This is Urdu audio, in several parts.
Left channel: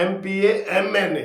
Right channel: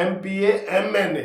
MPA MNA,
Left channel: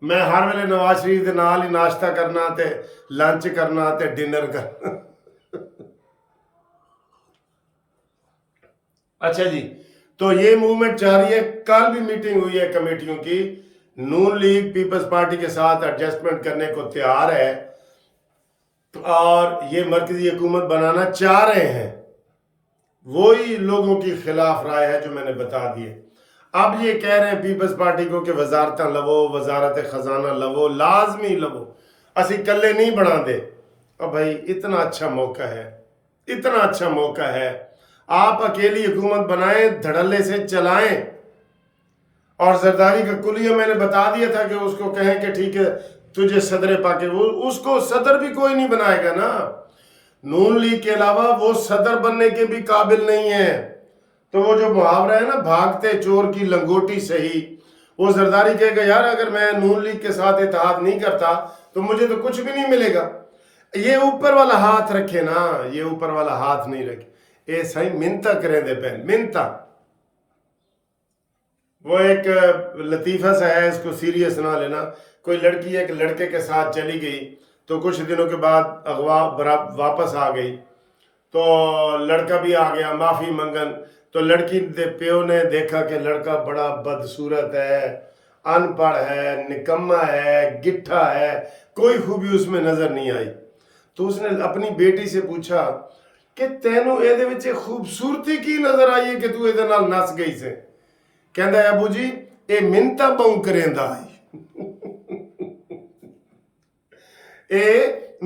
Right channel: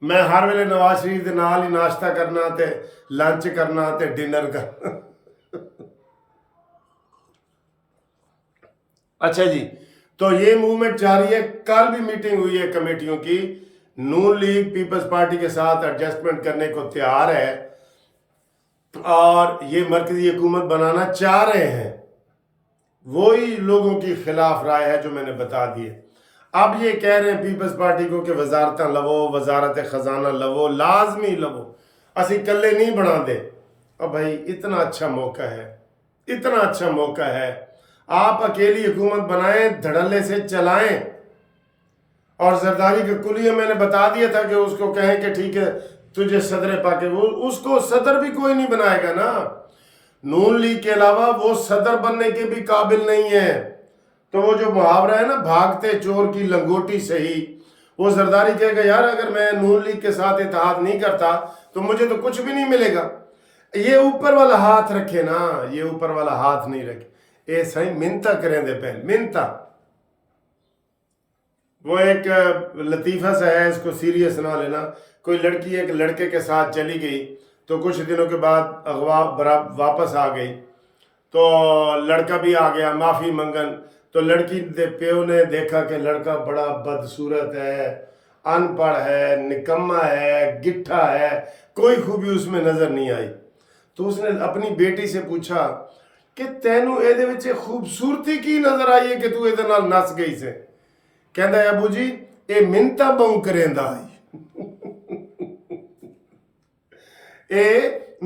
میں ہر ویلے نواز شریف دے نال ہی ناشتہ کرنا تے لنچ کرنا تے ڈنر کرنا۔ اچھا جی، تو یہ موومنٹ جاری ہے۔ کل بھی میٹنگ ہوئی ہے کمیٹیوں کی، نون لیگ پیپلز پارٹی کے ساتھ ایڈجسٹمنٹ کرنے کو تیار ہے اور یہ مرکزی حکومت بنانا چاہ رہے ہیں۔ وہی لوگوں کی خلاف رائے ہے جو میں نے بتا دی ہے۔ اب یہ کہہ رہے ہیں پیپلز پارٹی کو کہ وزارتاں لو، وزارت خزانہ لو، لازمی لو، اسی کلے نہیں بنا دے۔ اور بھائی اتنا اچھا موقع ہے، اتنا اچھا موقع ہے، آپ اکیلی حکومت بنائیں، دھڑلے سے چلائیں۔ اور زرداری کا کلیہ میں نے بتا دیا تھا کہ اس کو کہیں کہ ٹھیک ہے تجھے صدر پاکے، وہ اس کو صدر بھی کوئی نہیں بنائے گا نا۔ نون لیگ کے علاوہ وہ صدر بننے کے بھی قابل نہیں ہے۔ تو وہ جو محاورہ ہے نا، بھاگتے چور کی لنگوٹی صحیح، وہ زرداری کہے گا یار اگر میں نون لیگ کے ساتھ اتحاد نہیں کرتا تو مجھے تو کچھ بھی نہیں ملے گا۔ یہ اوپر والا ہاتھ رکھے نا، یہ اوپر والا ہاتھ نہیں رکھے، اے صحیح منتا کریں دے پہلے منتا۔ وہ ایک لطیفہ سا ہے، اس کو سیریس نہ لینا۔ کوئی لڑکی ایک لڑکے کے ساتھ چلی گئی تو کچھ دنوں کے بعد اغوا واپس آ گئی، تو لڑکا بھی آ گیا معافی منگن۔ تو لڑکی دے پیو نے دیکھا کہ لڑکا بڑا بدصورت ہے، ان پڑھ ہے، نکما ہے، گٹھا ہے، کوئی خوبی اس میں نظر نہیں آئی۔ تو اس نے اپنی بیٹی سے پوچھا کہ تینوں اے دے وچ خوبصورتی کی نظر آئی ہے کہ تو اے دے نال نس گئی سے؟ کہندا ہے ابو جی اے منتا بہوں کریندا آئی، اے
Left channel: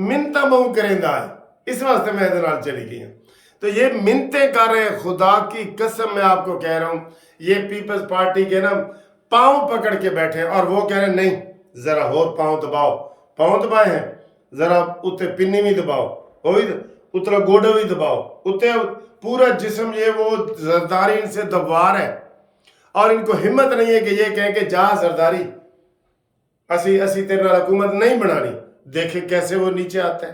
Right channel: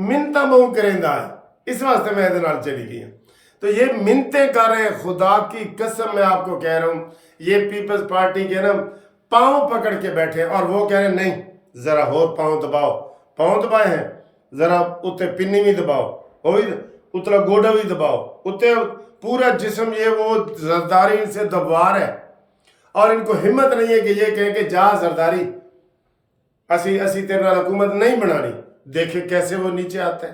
منتا بہوں کریندا آئی، اس واسطے میں دے نال چلی گئی ہوں۔ تو یہ منتیں کر رہے ہیں، خدا کی قسم میں آپ کو کہہ رہا ہوں، یہ پیپلز پارٹی کے نا پاؤں پکڑ کے بیٹھے ہیں اور وہ کہہ رہے ہیں نہیں ذرا اور پاؤں دباؤ۔ پاؤں دبائے ہیں، ذرا اتے پنی بھی دباؤ، اترا گوڑا بھی دباؤ، اتے پورا جسم، یہ وہ زرداری ان سے دبوار ہے۔ اور ان کو ہمت نہیں ہے کہ یہ کہیں کہ جا زرداری اسی تیرے نال حکومت نہیں بنانی۔ دیکھیں کیسے وہ نیچے آتا ہے۔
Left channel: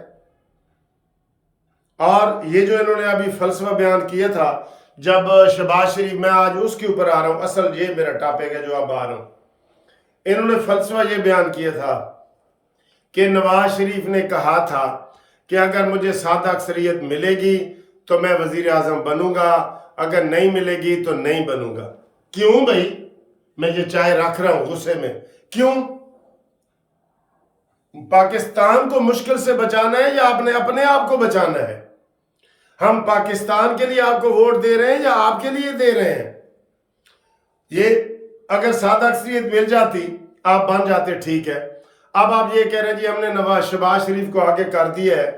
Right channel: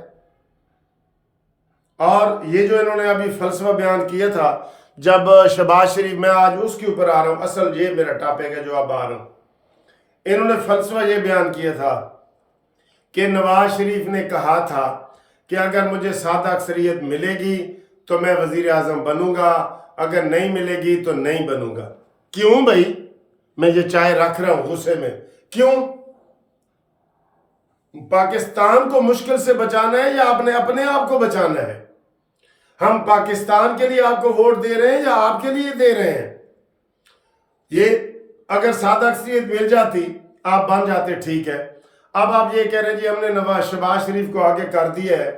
اور یہ جو انہوں نے ابھی فلسفہ بیان کیا تھا جب شہباز شریف، میں آج اس کے اوپر آ رہا ہوں، اصل یہ میرا ٹاپک ہے جو اب آ رہا ہوں۔ انہوں نے فلسفہ یہ بیان کیا تھا کہ نواز شریف نے کہا تھا کہ اگر مجھے سادہ اکثریت ملے گی تو میں وزیر اعظم بنوں گا، اگر نہیں ملے گی تو نہیں بنوں گا۔ کیوں بھائی؟ میں یہ چائے رکھ رہا ہوں غصے میں، کیوں؟ پاکستان کو مشکل سے بچانا ہے یا اپنے آپ کو بچانا ہے؟ ہم پاکستان کے لیے آپ کو ووٹ دے رہے ہیں یا آپ کے لیے دے رہے ہیں؟ یہ اگر سادہ اکثریت مل جاتی آپ بن جاتے، ٹھیک ہے۔ اب آپ یہ کہہ رہے ہیں جی ہم نے شہباز شریف کو آگے کر دیا ہے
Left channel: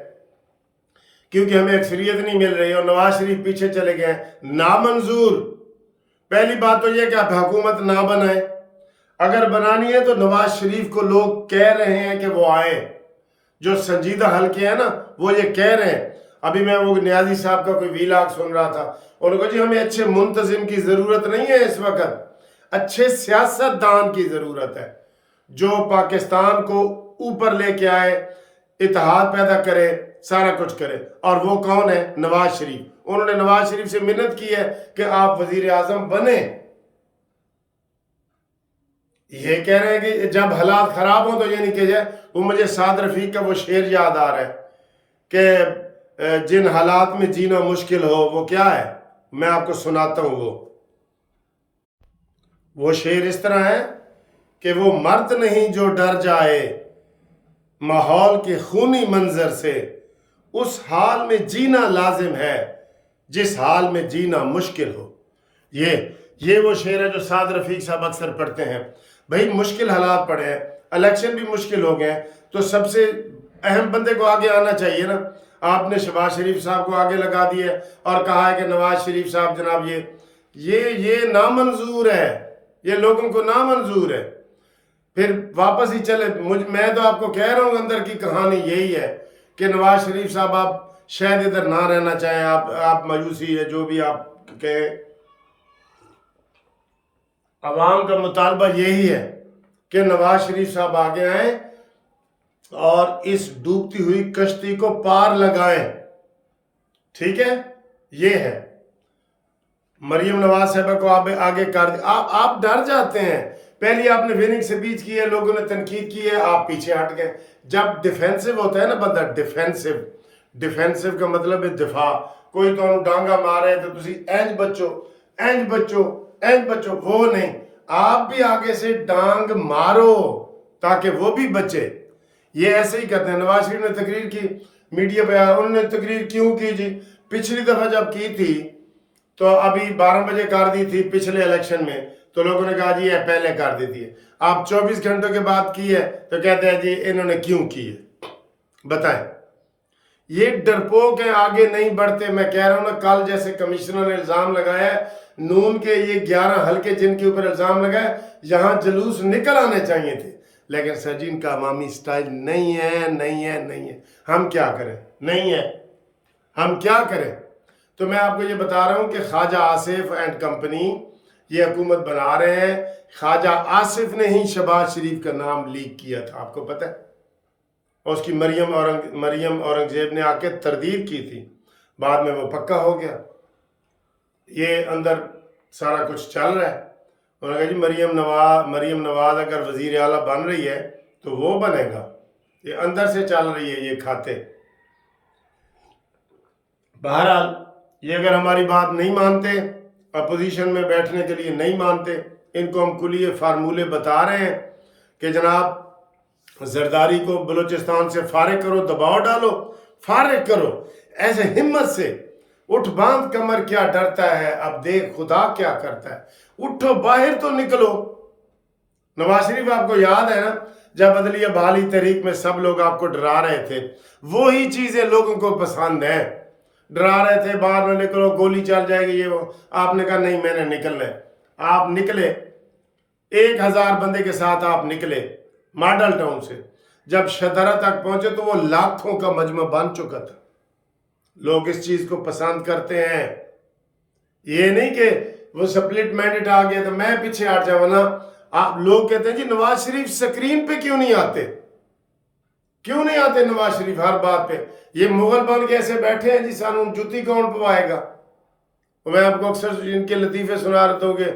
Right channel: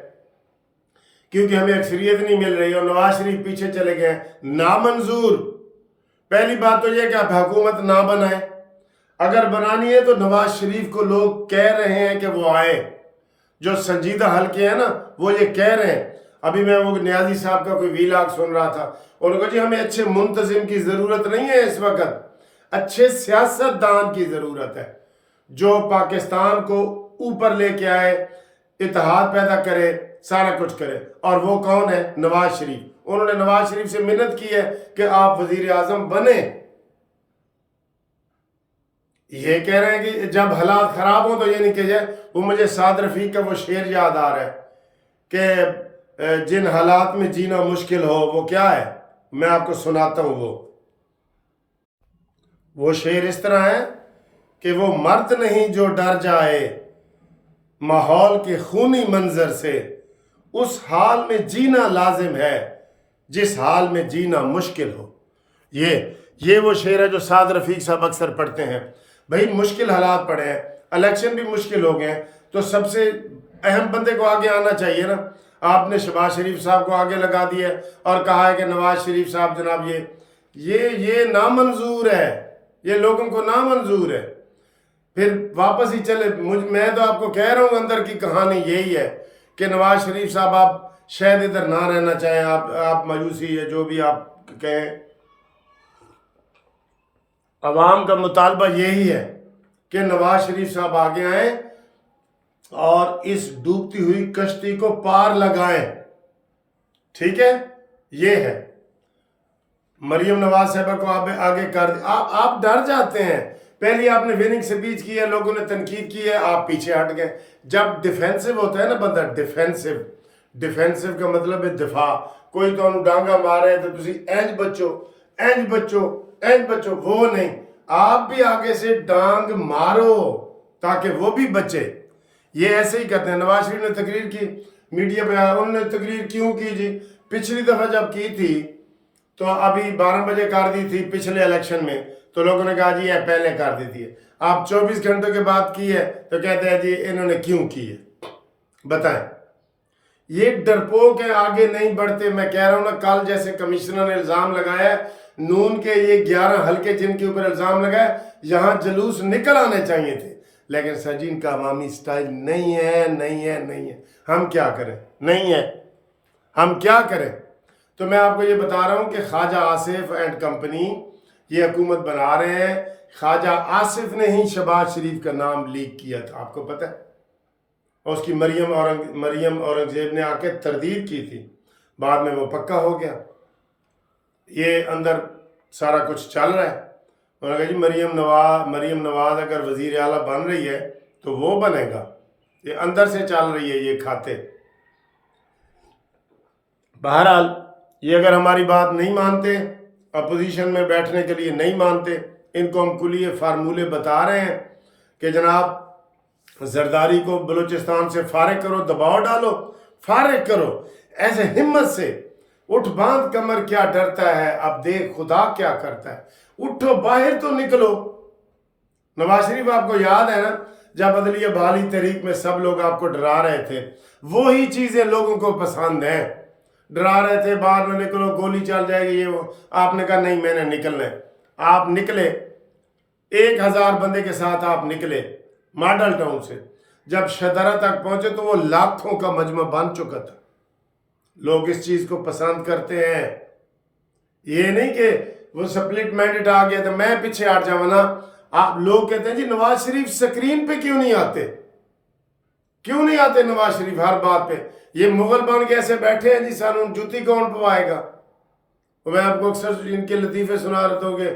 کیونکہ ہمیں اکثریت نہیں مل رہی اور نواز شریف پیچھے چلے گئے، نامنظور۔ پہلی بات تو یہ کہ آپ حکومت نہ بنائیں، اگر بنانی ہے تو نواز شریف کو لوگ کہہ رہے ہیں کہ وہ آئیں، جو سنجیدہ حلقے ہیں نا وہ یہ کہہ رہے ہیں۔ ابھی میں وہ نیازی صاحب کا کوئی ویلاگ سن رہا تھا، انہوں نے کہا جی ہمیں اچھے منتظم کی ضرورت نہیں ہے اس وقت، اچھے سیاست دان کی ضرورت ہے جو پاکستان کو اوپر لے کے آئے، اتحاد پیدا کرے، سارا کچھ کرے۔ اور وہ کون ہے؟ نواز شریف۔ انہوں نے نواز شریف سے منت کی ہے کہ آپ وزیر اعظم بنیں۔ یہ کہہ رہے ہیں کہ جب حالات خراب ہوں تو یہ نہیں کہ جائے، وہ مجھے سعد رفیق کا وہ شعر یاد آ رہا ہے کہ جن حالات میں جینا مشکل ہو وہ کیا ہے، میں آپ کو سناتا ہوں۔ وہ شعر اس طرح ہے کہ وہ مرد نہیں جو ڈر جائے ماحول کے خونی منظر سے، اس حال میں جینا لازم ہے جس حال میں جینا مشکل ہو۔ یہ وہ شعر ہے جو سعد رفیق صاحب اکثر پڑھتے ہیں۔ بھائی مشکل حالات پڑے ہیں، الیکشن بھی مشکل ہو گئے ہیں، تو سب سے اہم بندے کو آگے آنا چاہیے نا۔ آپ نے شہباز شریف صاحب کو آگے لگا دیا ہے اور کہا ہے کہ نواز شریف صاحب جناب یہ نامنظور ہے، یہ لوگوں کو نامنظور ہے۔ پھر واپس ہی چلے، میں تو آپ کو کہہ رہا ہوں اندر کی کہانی یہی ہے کہ نواز شریف صاحب آپ شاید ادھر نہ رہنا چاہیں، آپ مایوسی ہے جو بھی آپ کہیں، عوام کا مطالبہ یہی ہے کہ نواز شریف صاحب آگے آئیں اور اس ڈوبتی ہوئی کشتی کو پار لگائیں، ٹھیک ہے؟ یہ ہے مریم نواز صاحبہ کو آپ آگے کر دیں۔ آپ ڈر جاتے ہیں، پہلی آپ نے وننگ سپیچ کی ہے، لوگوں نے تنقید کی ہے، آپ پیچھے ہٹ گئے. جب ڈیفینسو ہوتا ہے نا بندہ، ڈیفینسو کا مطلب ہے دفاع. کوئی تو ڈانگا مار ہے تو تسی اینج بچو، وہ نہیں. آپ بھی آگے سے ڈانگ مارو تاکہ وہ بھی بچے. یہ ایسے ہی کرتے ہیں. نواز شریف نے تقریر کی، میڈیا پہ آیا، انہوں نے تقریر کیوں کی جی؟ پچھلی دفعہ جب کی تھی تو ابھی 12 بجے کر دی تھی پچھلے الیکشن میں، تو لوگوں نے کہا جی یہ پہلے کر دی تھی. آپ 24 گھنٹوں کے بعد کی ہے تو کہتے ہیں جی انہوں نے کیوں کی ہے. بتائیں. یہ ڈرپوک ہیں، آگے نہیں بڑھتے. میں کہہ رہا ہوں نا، کل جیسے کمشنر نے الزام لگایا ہے نون کے یہ 11 حلقے جن کے اوپر الزام لگا ہے، یہاں جلوس نکل آنے چاہیے تھے، لیکن سجین کا عوامی سٹائل نہیں ہے. ہم کیا کریں؟ نہیں ہے، ہم کیا کریں؟ تو میں آپ کو یہ بتا رہا ہوں کہ خواجہ آصف اینڈ کمپنی یہ حکومت بنا رہے ہیں. خواجہ آصف نے ہی شہباز شریف کا نام لیک کیا تھا، آپ کو پتہ ہے. اور اس کی مریم اورنگزیب نے آ کے تردید کی تھی، بعد میں وہ پکا ہو گیا. یہ اندر سارا کچھ چل رہا ہے. انہوں نے کہا جی مریم نواز اگر وزیر اعلیٰ بن رہی ہے تو وہ بنے گا. یہ اندر سے چل رہی ہے یہ کھاتے. بہرحال یہ اگر ہماری بات نہیں مانتے، اپوزیشن میں بیٹھنے کے لیے نہیں مانتے، ان کو ہم کلیے فارمولے بتا رہے ہیں کہ جناب زرداری کو بلوچستان سے فارغ کرو، دباؤ ڈالو، فارغ کرو. ایسے ہمت سے اٹھ باندھ کمر، کیا ڈرتا ہے اب دیکھ خدا کیا کرتا ہے. اٹھو باہر تو نکلو. نواز شریف آپ کو یاد ہے نا، جب عدلیہ بحالی تحریک میں سب لوگ آپ کو ڈرا رہے تھے، وہی چیزیں لوگوں کو پسند ہیں. ڈرا رہے تھے باہر میں نکلو گولی چل جائے گی، یہ وہ. آپ نے کہا نہیں میں نے نکلنا ہے. آپ نکلے، 1000 بندے کے ساتھ آپ نکلے ماڈل ٹاؤن سے. جب شدرہ تک پہنچے تو وہ لاکھوں کا مجمع بن چکا تھا. لوگ اس چیز کو پسند کرتے ہیں. یہ نہیں کہ وہ سپلٹ مینڈیٹ آ گیا تو میں پیچھے ہٹ جاؤں نا. آپ لوگ کہتے ہیں جی نواز شریف سکرین پہ کیوں نہیں آتے؟ کیوں نہیں آتے نواز شریف ہر بات پہ؟ یہ مغل بن کے ایسے بیٹھے ہیں جی سانوں جوتی کون پوائے گا. میں آپ کو اکثر ان کے لطیفے سنا رہتا ہوں کہ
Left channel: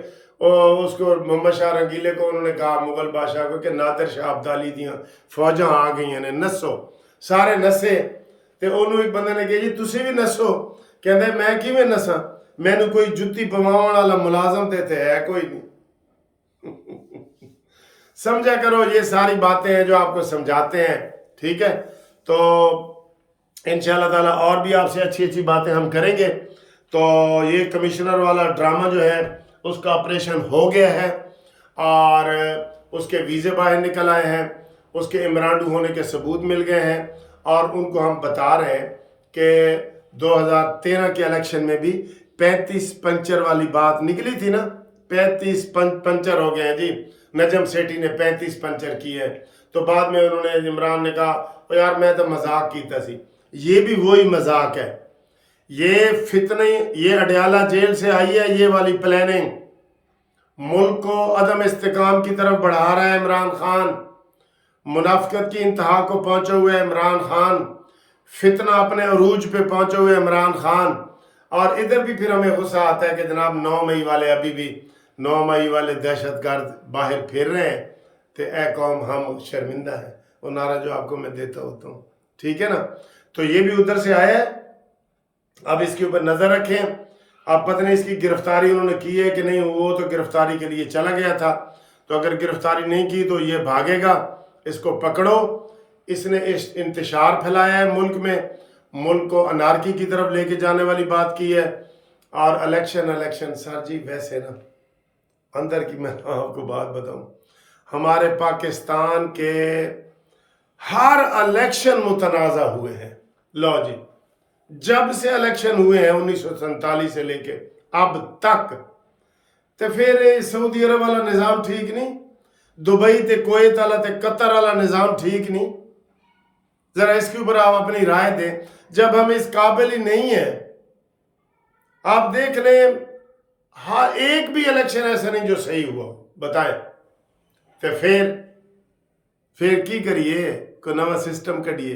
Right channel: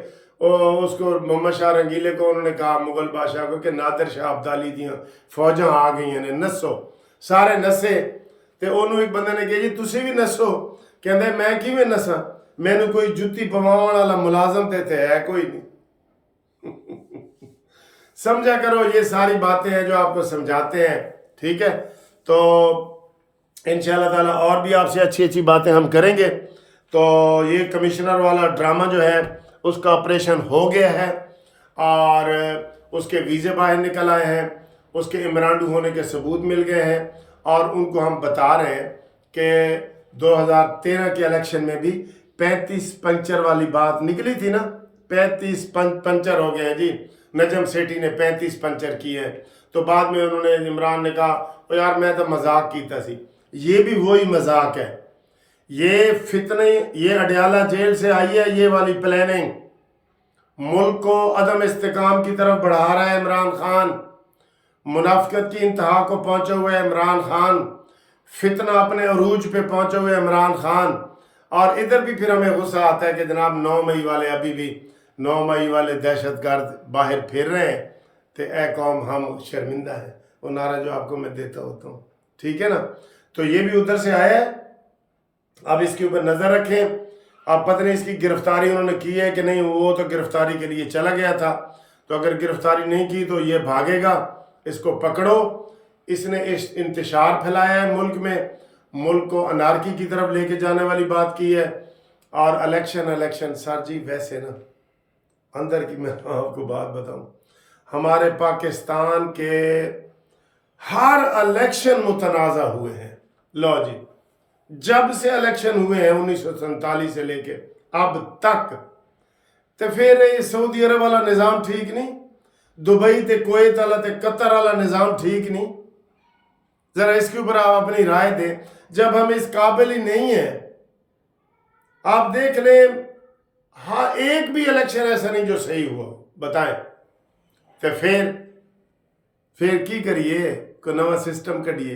اس کو محمد شاہ رنگیلے کو انہوں نے کہا مغل بادشاہ کو کہ نادر شاہ ابدالی دیاں فوجاں آ گئی ہیں نسو. سارے نسے تے انہوں ایک بندے نے کہا جی تسی بھی نسو. کہندے میں کیویں نساں؟ مینوں کوئی جتی پواون والا ملازم تے ہے کوئی نہیں. سمجھا کرو، یہ ساری باتیں ہیں جو آپ کو سمجھاتے ہیں. ٹھیک ہے، تو انشاءاللہ تعالیٰ اور بھی آپ سے اچھی باتیں ہم کریں گے. تو یہ کمشنر والا ڈرامہ جو ہے اس کا آپریشن ہو گیا ہے اور اس کے ویزے باہر نکل آئے ہیں، اس کے امرانڈو ہونے کے ثبوت مل گئے ہیں. اور ان کو ہم بتا رہے ہیں کہ 2013 کے الیکشن میں بھی 35 پنچر والی بات نکلی تھی نا. 35 پنچر ہو گئے ہیں جی. نجم سیٹھی نے 35 پنچر کیے ہیں. تو بعد میں انہوں نے عمران نے کہا یار میں تو مذاق کیتا سی. یہ بھی وہی مذاق ہے. یہ فتنے، یہ اڈیالہ جیل سے آئی ہے یہ والی پلاننگ. ملک کو عدم استحکام کی طرف بڑھا رہا ہے عمران خان. منافقت کی انتہا کو پہنچے ہوئے عمران خان. فتنہ اپنے عروج پہ پہنچے ہوئے عمران خان. اور ادھر بھی پھر ہمیں غصہ آتا ہے کہ جناب 9 مئی والے ابھی بھی 9 مئی والے دہشت گرد باہر پھر رہے ہیں. تو اے قوم ہم شرمندہ ہیں. وہ نعرہ جو آپ کو میں دیتا ہوتا ہوں، ٹھیک ہے نا. تو یہ بھی ادھر سے آیا ہے. اب اس کے اوپر نظر رکھیں. اب پتہ نہیں اس کی گرفتاری انہوں نے کی ہے کہ نہیں. وہ تو گرفتاری کے لیے چلا گیا تھا، تو اگر گرفتاری نہیں کی تو یہ بھاگے گا. اس کو پکڑو. اس نے انتشار پھیلایا ہے ملک میں، ملک کو انارکی کی طرف لے کے جانے والی بات کی ہے. اور الیکشن سر جی ویسے نا اندر کی میں آپ کو بات بتاؤں، ہمارے پاکستان کے ہر الیکشن متنازع ہوئے ہیں. لو جی، جب سے الیکشن ہوئے ہیں 1947 سے لے کے اب تک، تو پھر سعودی عرب والا نظام ٹھیک نہیں، دبئی تے کویت والا تے قطر والا نظام ٹھیک نہیں. ذرا اس کے اوپر آپ اپنی رائے دیں. جب ہم اس قابل ہی نہیں ہیں، آپ دیکھ لیں ہاں ایک بھی الیکشن ایسا نہیں جو صحیح ہوا، بتائیں. تو پھر کی کریے؟ کوئی نواں سسٹم کڈیے.